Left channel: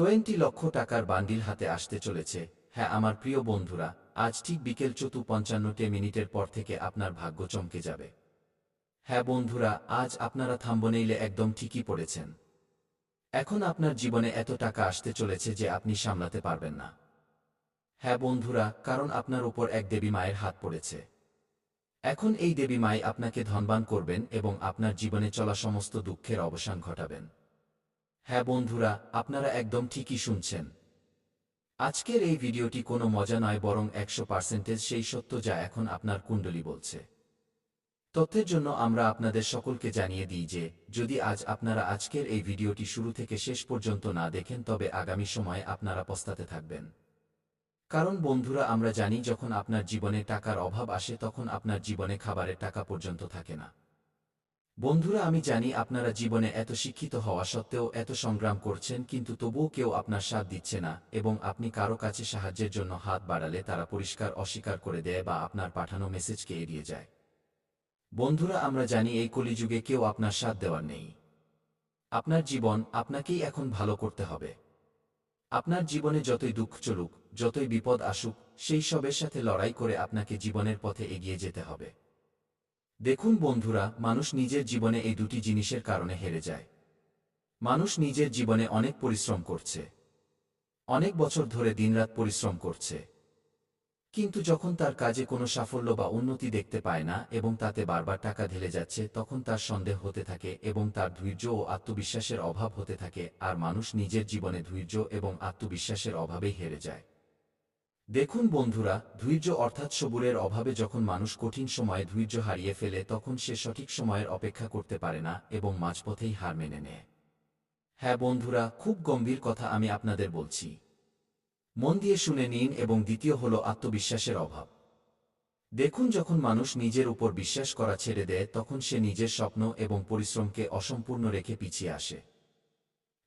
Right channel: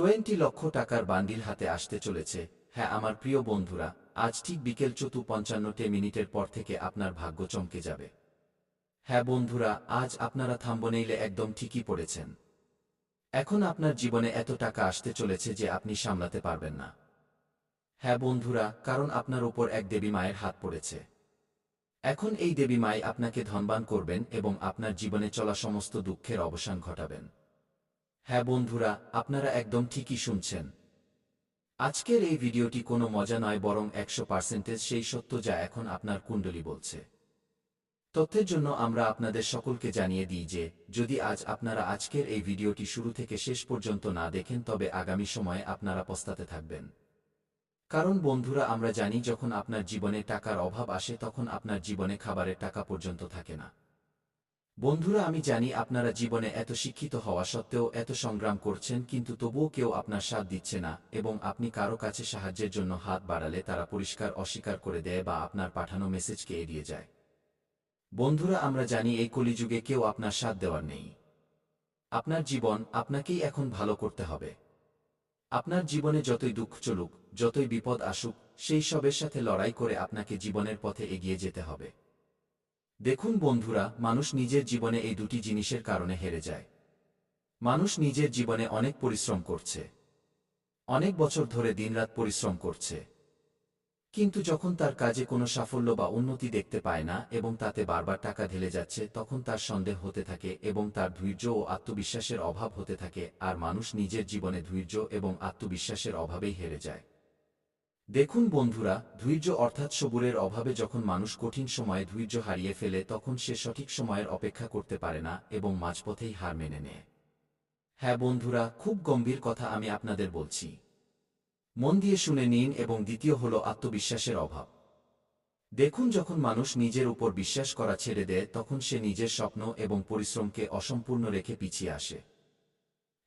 20 লক্ষ টাকার বান্ডিল হাতে আসতে চলেছে। হ্যাঁ আমার প্রিয় বন্ধুরা, আজ ঠিক বিকেল 4:55 পর থেকে আপনার ভাগ্য চমকে যাবে। হ্যাঁ বন্ধুরা, আজ আপনারা থাম্বনেইলে একদম ঠিকই পড়েছেন। এখন আপনার জীবনে এত টাকা আসতে চলেছে যে আপনি সামলাতে পারবেন না। হ্যাঁ বন্ধুরা, কারণ আপনার উপর এক দেবী মায়ের হাত পড়েছে। এখন এই দেবী মাই আপনাকে ধনবান করবেন এবং আপনার জীবনে চলা সমস্ত দুঃখের অবসান ঘটাবেন। হ্যাঁ বন্ধুরা, আপনারা একদম ঠিকই শুনছেন। আজকের এই ভিডিওটি কোনো মজা নয়, বরং 100% সেই সত্য যা এখন আপনার কুণ্ডলী বলছে। তথ্যের জন্য আমরা আপনাদের সকলকে জানিয়ে দিই যে, যদি আজ আপনারা আজকের এই ভিডিওটি শুরু থেকে শেষ পর্যন্ত না দেখেন তবে আগামী সময়ে আপনারা পস্তাতে থাকবেন। কারণ বন্ধুরা, আমরা জানি যখন আপনার জীবনে টাকার অভাব আসে তখন আপনার জীবনে খাবারের টাকা পর্যন্ত থাকে না। বন্ধুরা, আমি জানি আপনারা জীবনে এত শিক্ষিত হওয়া সত্ত্বেও এত সংগ্রাম করছেন, কিন্তু তবুও কেউ আপনার সাথ দিচ্ছে না এবং আপনি কারো কাছে সাহায্যের জন্য হাত বাড়ালে তারা পরিষ্কার অস্বীকার করে দেয় বা আপনার পাঠানো মেসেজকে এড়িয়ে যায়। বন্ধুরা, আমরা জানি এই কলিযুগে কেউ আপনার সাথ দেওয়ার নেই। আপনার জীবন আপনাকেই এখন ভালো করতে হবে। আপনার জীবনে যতই দুঃখ চলুক, যতই বিপদ আসুক, সেই সবের সাথে লড়াই করে আপনাকে জীবনের পথে এগিয়ে যেতে হবে। দেখুন বন্ধুরা, মানুষ নিজের জীবনে এই দুটি জিনিসের কারণে হেরে যায়। মানুষ নিজের জীবনে অনেক পরিশ্রম করছে, অনেক বছর ধরে দিনরাত পরিশ্রম করছে, কিন্তু যখন তার কাজে কোনো সাফল্য বা উন্নতি দেখতে পায় না এবং তাতে বারবার টাকা ঢেলে যাচ্ছে, তখন তার সন্দেহ হতে থাকে এবং তার ধৈর্য ও আত্মবিশ্বাসের অভাব হতে থাকে। আর মানুষ নিজের জীবনে ধৈর্য এবং আত্মবিশ্বাসের অভাবেই হেরে যায়। দেখুন বন্ধুরা, ধৈর্য অর্থাৎ সবুরের অভাবে যখন মানুষ কঠিন সময়ে ধৈর্য হারিয়ে ফেলে তখন সে সঠিক সময়ের অপেক্ষা করতে পারে না এবং মাঝপথেই হার মেনে নেয়। হ্যাঁ বন্ধুরা, খুব গম্ভীর কথা আমি আপনাদের বলছি। মন দিয়ে শুনে নিন। এবং দ্বিতীয় হল আত্মবিশ্বাসের অভাব। দেখুন, যখন মানুষ নিজের উপর বিশ্বাস করা ছেড়ে দেয় তখন সে নিজের স্বপ্ন এবং পরিশ্রমকে অসম্পূর্ণ রেখে পিছিয়ে আসে।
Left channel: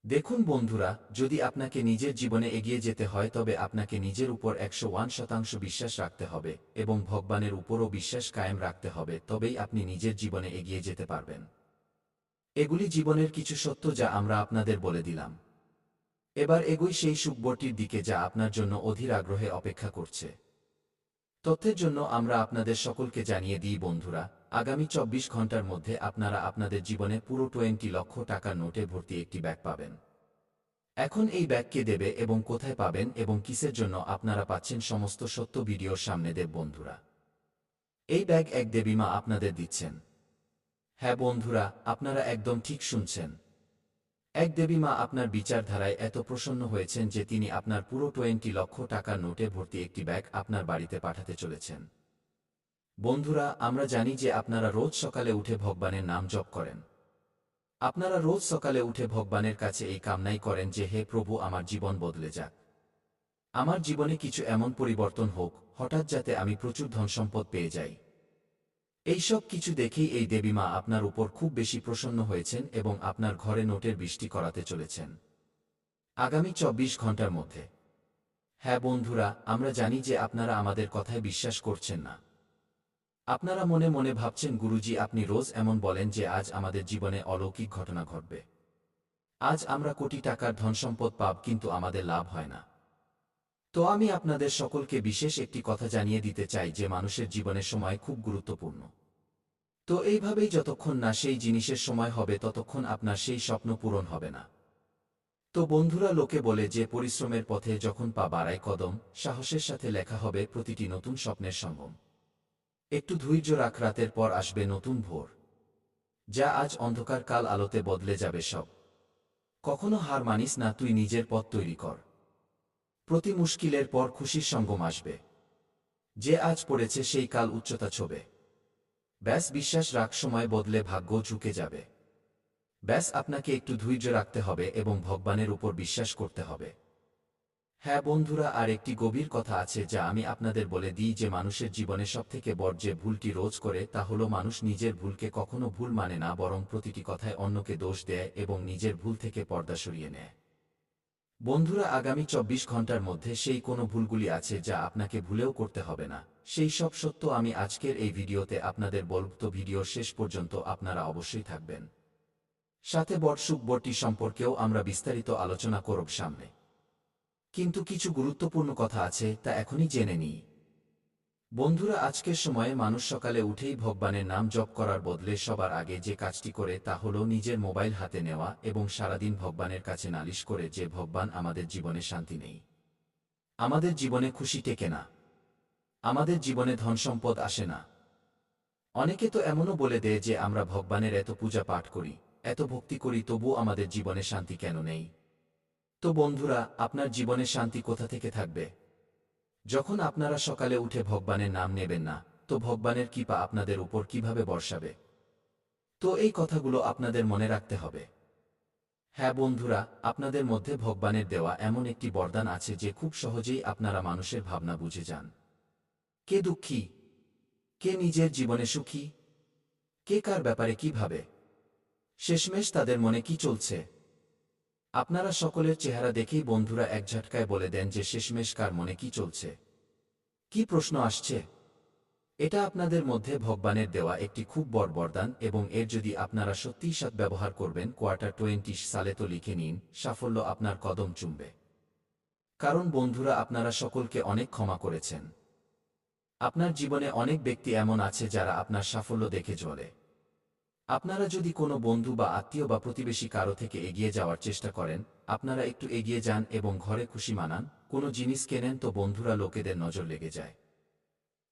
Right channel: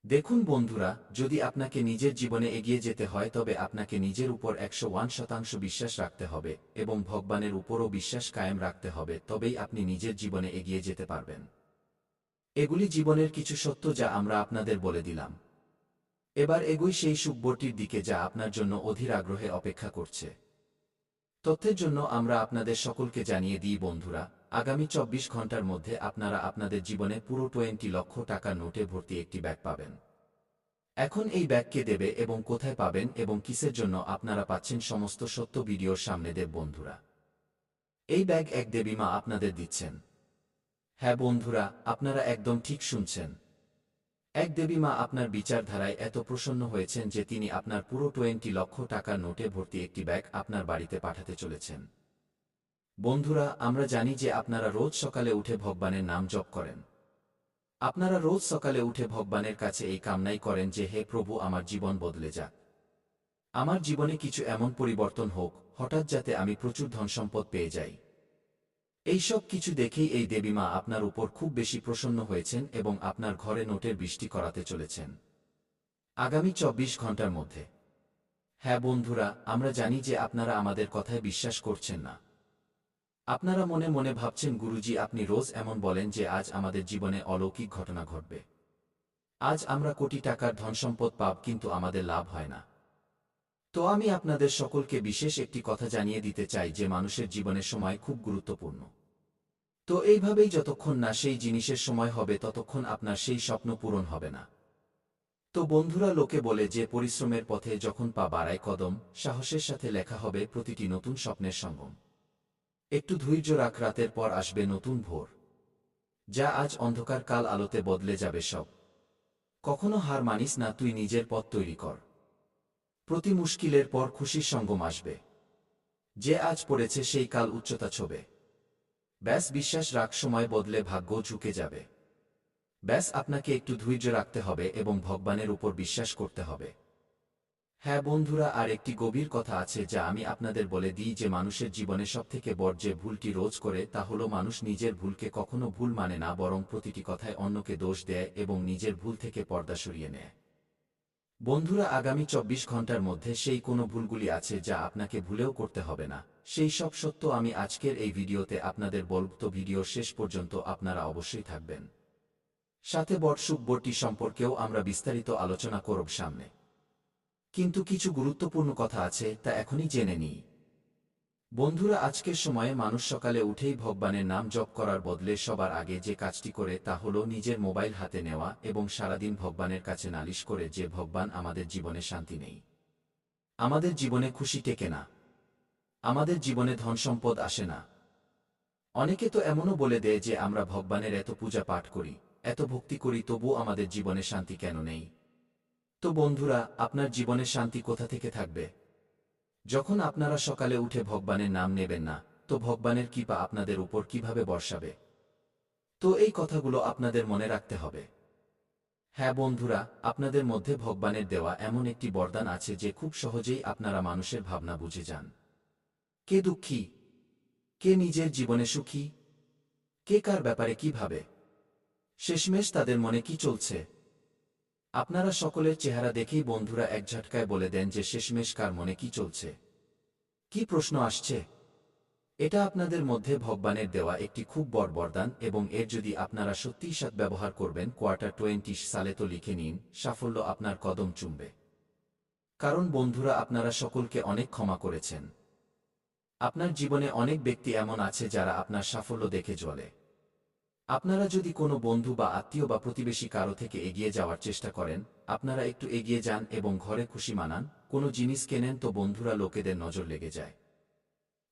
দেখুন বন্ধুরা, যদি আপনাকে নিজের জীবনে এগিয়ে যেতে হয় তবে আপনাকে নিজের উপর 101% বিশ্বাস রাখতে হবে এবং ভগবানের উপরও বিশ্বাস কায়েম রাখতে হবে, তবেই আপনি নিজের জীবনে এগিয়ে যেতে পারবেন। এগুলি জীবনের কিছু সত্য যা আমরা আপনাদের বলে দিলাম। এবার এগোই সেই সুখবরটির দিকে যা আপনার জন্য অধীর আগ্রহে অপেক্ষা করছে। তথ্যের জন্য আমরা আপনাদের সকলকে জানিয়ে দিই বন্ধুরা, আগামী 24 ঘন্টার মধ্যে আপনারা আপনাদের জীবনে পুরো 20 লক্ষ টাকার নোটে ভর্তি একটি ব্যাগ পাবেন। এখন এই ব্যাগ কে দেবে এবং কোথায় পাবেন এবং কিসের জন্য আপনারা পাচ্ছেন সমস্ত সত্য ভিডিওর সামনে দেব বন্ধুরা। এই ব্যাগ এক দেবী মা আপনাদের দিচ্ছেন। হ্যাঁ বন্ধুরা, আপনারা একদম ঠিক শুনছেন। এক দেবী মা আপনার বিচারধারায় এত প্রসন্ন হয়েছেন যে তিনি আপনার পুরো 20 লক্ষ টাকার নোটে ভর্তি একটি ব্যাগ আপনার বাড়িতে পাঠাতে চলেছেন। বন্ধুরা, আমরা জানি যে আপনারা রোজ সকালে উঠে ভগবানের নাম জপ করেন। আপনারা রোজ সকালে উঠে ভগবানের কাছে এই কামনাই করেন যে, হে প্রভু, আমার জীবন বদলে যাক। আমার জীবনে কিছু এমন পরিবর্তন হোক হঠাৎ যাতে আমি প্রচুর ধনসম্পদ পেয়ে যাই। এই সব কিছু দেখেই এই দেবী মা আপনার উপর খুব বেশি প্রসন্ন হয়েছেন এবং আপনার ঘরে নোটের বৃষ্টি করাতে চলেছেন আগামী 24 ঘন্টার মধ্যে। হ্যাঁ বন্ধুরা, আমরা জানি যে আপনারা আমাদের কথায় বিশ্বাস করছেন না। আপনারা মনে মনে ভাবছেন, গুরুজি আপনি রোজ এমন বলেন যে আজ আমাদের জীবনে অলৌকিক ঘটনা ঘটবে, আজ আমরা কোটি টাকার ধনসম্পদ পাব, কিন্তু আমাদের লাভ হয় না। তো আমি আপনাদের সকলকে বিশেষ একটি কথা জানিয়ে দিতে চাই যে মানুষের জীবনে সময় খুব গুরুত্বপূর্ণ। তো এইভাবেই যতক্ষণ না সেই জিনিসের সময় হবে ততক্ষণ আপনার সেই স্বপ্ন পূরণ হবে না। তো বন্ধুরা, লোকে বলে যে পরিশ্রমের পথে যখন পা বাড়ায় কদম, সাহসের সাথে লেখা হবে প্রতিটি নতুন স্বপ্নের সঙ্গম। একটু ধৈর্য রাখ, রাতের পর আসবে নতুন ভোর। যা আজ অন্ধকার কাল আলোতে বদলে যাবে সব। কখনো হার মানিস না, তুই নিজের পথ তৈরি কর। প্রতি মুশকিলের পর খুশির সঙ্গম আসবে। যে আজ পড়েছে সেই কাল উচ্চতা ছোবে। ব্যাস বিশ্বাস রাখ, সময় বদলে ভাগ্য ঝুঁকে যাবে। ব্যাস আপনাকে একটু ধৈর্য রাখতে হবে এবং ভগবানের উপর বিশ্বাস করতে হবে। হ্যাঁ বন্ধুরা, আর একটি গভীর কথা আছে যা আমি আপনাদের বলে দিই যে মানুষের জীবনে সবথেকে বড় যে ভুলটি রোজ করে তা হলো মানুষ নিজের ভুলকে কখনো ভুল মানে না, বরং প্রতিটি কথায় অন্যকে দোষ দেয় এবং নিজের ভুল থেকে পর্দা সরিয়ে নেয়। বন্ধুরা, আগামী 24 ঘন্টার মধ্যে সেই কোনো ভুলগুলি আছে যা আপনাকে ভুলেও করতে হবে না। সেই সব সত্য আমি আজকের এই ভিডিওতে আপনাদের বলব, তো ভিডিওর শেষ পর্যন্ত আপনারা অবশ্যই থাকবেন। সাথে বট সুখবরটি সম্পর্কেও আমরা বিস্তারিত আলোচনা করব সামনে। কিন্তু কিছু গুরুত্বপূর্ণ কথা আছে, তা এখনই জেনে নিই। বন্ধুরা, আজকের সময়ে মানুষ সকালে উঠেই ভগবানের নাম জপ করার বদলে সবার আগে যে কাজটি করে তা হল নিজের মোবাইল হাতে নেওয়া এবং সারাদিন ভগবানের কাছে নালিশ করে যে ভগবান আমাদের জীবনে শান্তি নেই, আমাদের জীবনে খুশি টেকে না, আমাদের জীবনে ধনসম্পদ আসে না। অনেকে তো এমনও বলে দেয় যে আমরা ভগবানের এত পূজা পাঠ করি, এত ভক্তি করি, তবুও আমাদের জীবনে শান্তি কেন নেই? তো বন্ধুরা, আপনার জীবনে শান্তি কোথা থেকে থাকবে? যখন আপনারা সকালে উঠে ভগবানের নাম নেবেন না, তো ভগবানের কৃপা আপনাদের উপর কিভাবে বর্ষাবে? তো এই কথাগুলো আপনাদের মনে রাখতে হবে। হ্যাঁ বন্ধুরা, আপনাদের মধ্যে ভগবানের দেওয়া এমন একটি বরদান আছে যে খুব সহজেই আপনারা মানুষের ভাবনা বুঝে যান। কে দুঃখী, কে নিজের জীবনে সুখী, কে কার ব্যাপারে কি ভাবে, শেষমেশ তাদের মনে কি চলছে। আপনারা সকলের চেহারা দেখেই বন্ধুরা এক ঝটকায় বলে দেন যে শেষমেশ কার মনে কি চলছে। কি প্রশ্ন আসছে? এটা আপনাদের মধ্যে ভগবানের দেওয়া একটি খুব বড় বরদান এবং এর যদি আপনারা সত্যিই সদ্ব্যবহার করবেন, কোয়ার্টার 20 সালে তো লিখে নিন, সাফল্য আপনার কদম চুমবে। কারণ বন্ধুরা, আপনারা সকলকে অনেক ক্ষমা করেছেন। আপনার জীবনে অনেক ব্যক্তি এমন আছে যারা আপনার সাফল্য দেখে জ্বলে। আপনারা যদি কোনো বন্ধু বা আত্মীয় বা প্রতিবেশী কারো থেকে এগিয়ে যাওয়ার চেষ্টা করেন, আপনারা একটু এগিয়ে যান এবং ঘরে খুশি মানান, কোনো জিনিস কেনেন, তো বন্ধুরা লোকেদের নজর লেগে যায়।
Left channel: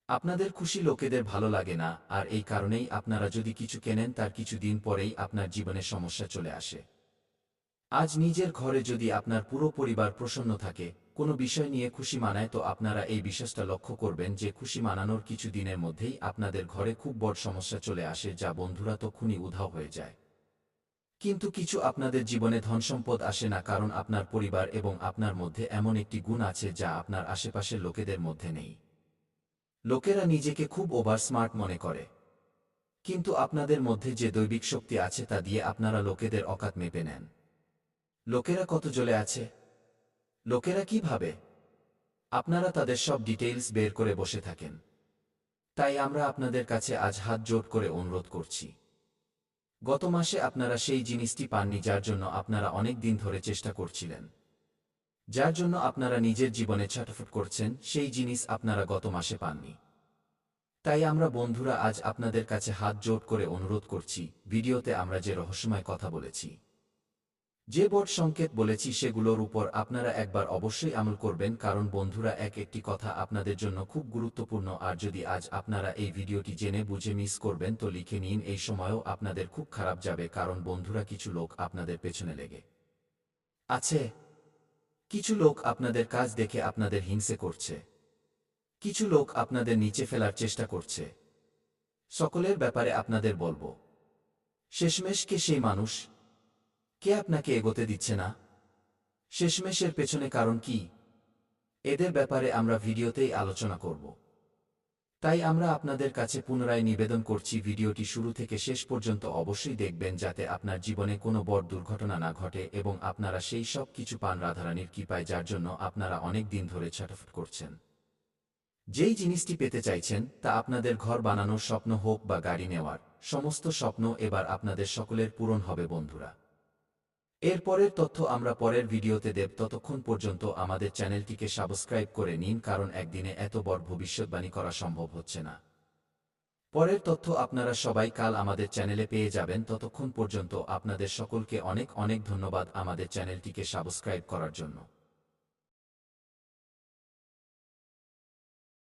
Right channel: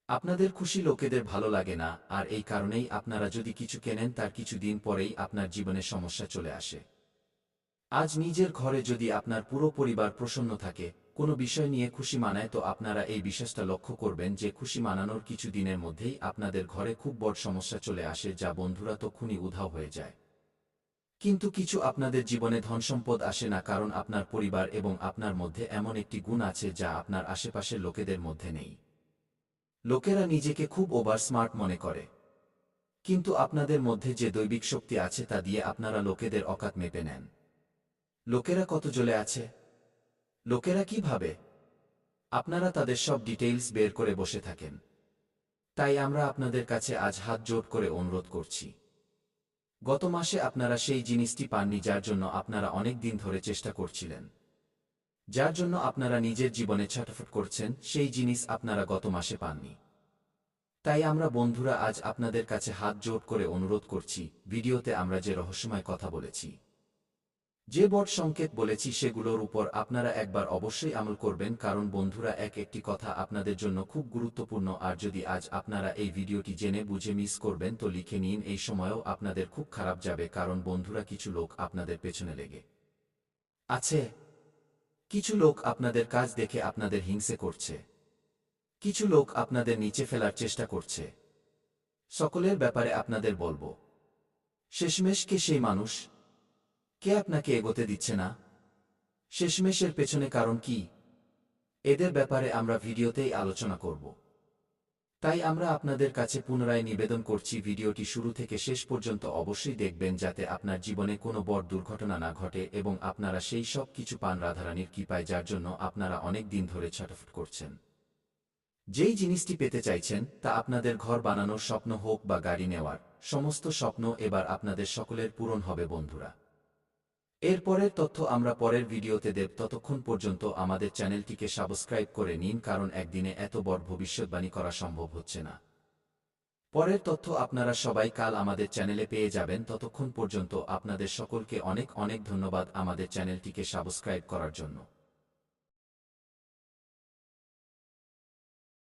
আপনাদের খুশি লোকেদের ভালো লাগে না, আর এই কারণেই আপনারা যদি কিছু কেনেন তার কিছু দিন পরেই আপনার জীবনে সমস্যা চলে আসে। আজ নিজের ঘরে যদি আপনার পুরো পরিবার প্রসন্ন থাকে, কোনো বিষয় নিয়ে খুশি মানায়, তো আপনারা এই বিশ্বাসটা লক্ষ্য করবেন যে খুশি মানানোর কিছু দিনের মধ্যেই আপনাদের ঘরে খুব বড় সমস্যা চলে আসে, যা বন্ধুরা তক্ষুনি উধাও হয়ে যায়। কিন্তু কিছু আপনাদের জীবনে ধনসম্পদ আসে না, কারণ আপনার পরিবার এবং আপনার মধ্যে এমন একটি গুণ আছে যা আপনার আশেপাশের লোকেদের মধ্যে নেই। লোকেরা নিজেকে খুব ওভার স্মার্ট মনে করে, কিন্তু আপনাদের মধ্যে যে দৈবিক শক্তি আছে তা দিয়ে আপনারা লোকেদের অকাত মেপে নেন। লোকেরা কত জ্বলে আছে, লোকেরা কি ভাবে, আপনারা তাদের সব ডিটেইলস বের করে বসে থাকেন। তাই আমরা আপনাদের কাছে আজ হাত জোড় করে অনুরোধ করছি। গত মাসে আপনারা সেই জিনিসটি পাননি যার জন্য আপনারা অনেক দিন ধরে চেষ্টা করছিলেন, যার জন্য আপনারা নিজের জীবনে ছটফট করছেন, সেই জিনিস আপনারা গত মাসে পাননি। তাই আমরা বন্ধুরা আজ আপনাদের কাছে হাত জোড় করে অনুরোধ করছি, ভিডিওতে আমরা যে রহস্যময় কথা বলেছি, যে বট সংকেত বলেছি, সেগুলোর উপর আপনারা একবার অবশ্যই আমল করবেন, কারণ বন্ধুরা একটি কথা আপনাদের জন্য খুব গুরুত্বপূর্ণ। আর যদি আজ আপনারা এই ভিডিওটি জেনে বুঝে মিস করবেন, তো লিখে নিন, এই সময়েও আপনাদের খুব খারাপ যাবে, কারণ বন্ধুরা কিছু লোক আপনাদের পেছনে লেগে আছে। কিছু লোক আপনাদের কাজ দেখে আপনাদের হিংসে করছে, কিছু লোক আপনাদের নিচে ফেলার চেষ্টা করছে। সকলের ব্যাপারে আপনাদের বলবো, শেষমেশ কে সেই মানুষ, কে আপনাকে এগোতে দিচ্ছে না? শেষমেশের পেছনে কারণ কি? এদের ব্যাপারে আমরা ভিডিওতেই আলোচনা করব। তাই আমরা আপনাদের কাছে পুনরায় নিবেদন করছি, ভিডিওটি শুরু থেকে শেষ পর্যন্ত অবশ্যই দেখবেন, যাতে আপনার জীবনে কোনো বড় দুর্ঘটনা না ঘটে এবং আপনারা সেই সব কিছু পান রাধারানীর কৃপায়, যার জন্য আপনারা অনেক দিন ধরে ছটফট করছেন। যেই জিনিসটি পেতে চাইছেন তা আপনাদের ঘর বানানোর স্বপ্ন হোক বা গাড়ি নেওয়ার, সমস্ত স্বপ্ন এবার আপনাদের সকলের পূরণ হবে বন্ধুরা। এর পরের তথ্য আমরা পরের ভিডিওতে দেব, ততক্ষণ পর্যন্ত আমাদের চ্যানেলটিকে সাবস্ক্রাইব করে নিন, কারণ একদিনে এত বড় ভবিষ্যৎবাণী করা সম্ভব হচ্ছে না। পরের তথ্য আপনারা সবাই কাল আমাদের চ্যানেলে পেয়ে যাবেন। ততক্ষণ পর্যন্ত আপনাদের সকলকে অনেক অনেক ধন্যবাদ আমাদের চ্যানেলটিকে সাবস্ক্রাইব করার জন্য।